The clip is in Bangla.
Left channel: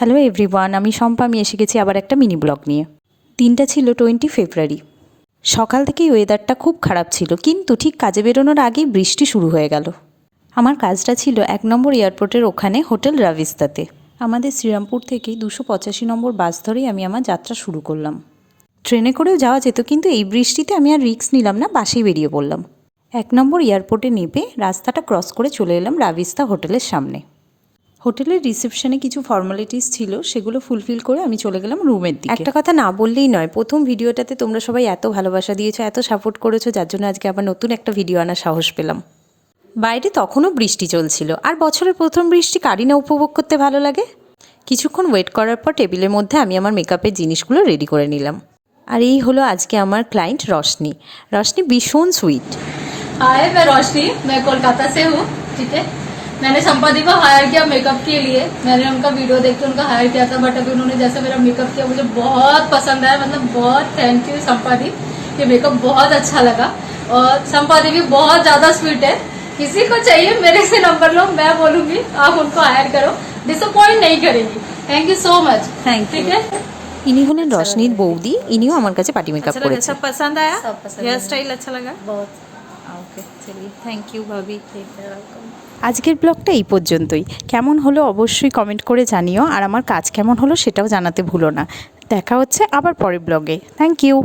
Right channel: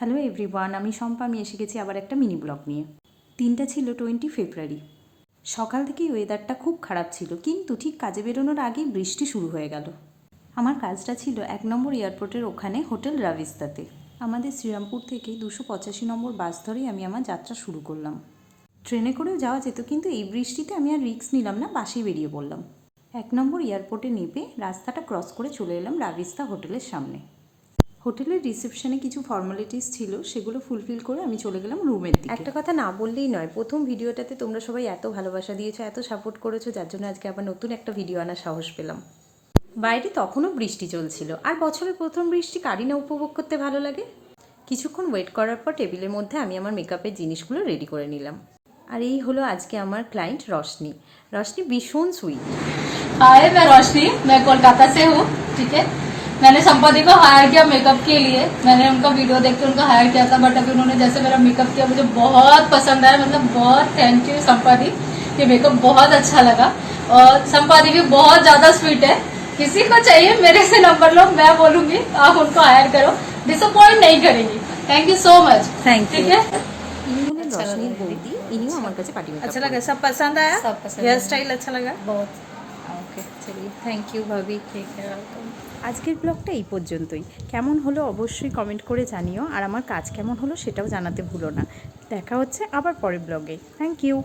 হ্যালো এভরিওয়ান, আমি শম্পা। আমি এসে গেছি আবার একটা মিনি ব্লগ নিয়ে। দিনটা ছিল 20 ফেব্রুয়ারি। সকাল থেকেই ওয়েদারটা খুব খারাপ ছিল, কিন্তু ঠিক কাজে বেরোনোর আগেই বৃষ্টি শুরু হয়ে গেল। আমার কাজটা ছিল 1 নম্বর এয়ারপোর্টের ওখানে হোটেল রাভিস্তাতে। আমাদের শ্রীরামপুর থেকে 285 নম্বর বাস ধরেই আমি আমার যাত্রা শুরু করলাম। ট্রেনে করেও যাওয়া যেত, কিন্তু এই বৃষ্টিতে আমি আর রিস্ক নিলাম না, বাসেই বেরিয়ে পড়লাম। 1 নম্বর এয়ারপোর্টে নেমে রাস্তাটা ক্রস করে চলে এলাম রাভিস্তা হোটেলের সামনে। হোটেলের রিসেপশনে কিছু ফর্মালিটিস ছিল, সেগুলো ফুলফিল করে আমি চলে গেলাম রুমের দিকে। একটা কথা না বললেই নয়, প্রথম ভিডিওটাতে তোমরা সবাই এত ভালোবাসা দিয়েছো, এত সাপোর্ট করেছো, যার জন্য আজকে আবার নতুন একটা ভিডিও আনার সাহস পেলাম। বাইরে তখনও বৃষ্টি চলছিল, আর বছরের প্রথম বৃষ্টি কারই না উপভোগ করতে ভালো লাগে। কিছুক্ষণ ওয়েট করার পর টেবিলের মধ্যে আমি আমার মেকআপের জিনিসগুলো রেডি করে নিলাম। আর এই হলো আজকে আমার ক্লায়েন্ট রশনি। রশনি ভীষণ সুইট। हाय, मैं रोशनी, मैं कोलकाता से हूँ। ठीक है, मैंने संपादी को हायर किया मेकअप के लिए। मैंने उनका वीडियो देख के उनका हायर किया था, बट अभी उन्होंने जैसे मेरा मेकअप किया मुझे बहुत पसंद आया। मतलब बहुत थैंक यू संपादी, ये मेकअप बहुत अच्छा लगा। और संपादी भी बहुत ज्यादा स्वीट है। किसी को चाहिए मेरे से नंबर लो, मैं बोलूंगी आप उनको हायर करो, डिसअपॉइंट नहीं करेंगी। Thank you so much. Thank you. ठीक है, ইনি হলেন রশনির বৌদি, ইনিও আমার কাছে পার্টি মেকআপ अच्छा लगा, করেছে। सब पसंद आया, सब पसंद हेयर आया। स्टाइल अच्छा लगा बहुत। ओके, चलिए थैंक यू भाभी। ठीक है, वेलकम। আজকের ব্লগটা এই পর্যন্তই। কেমন হলো অবশ্যই কমেন্ট করে জানিও, আর আমার কাজ কেমন হলো সেটাও জানাতে ভুলো না। দেখা হচ্ছে আবার পরের ব্লগে। Thank you.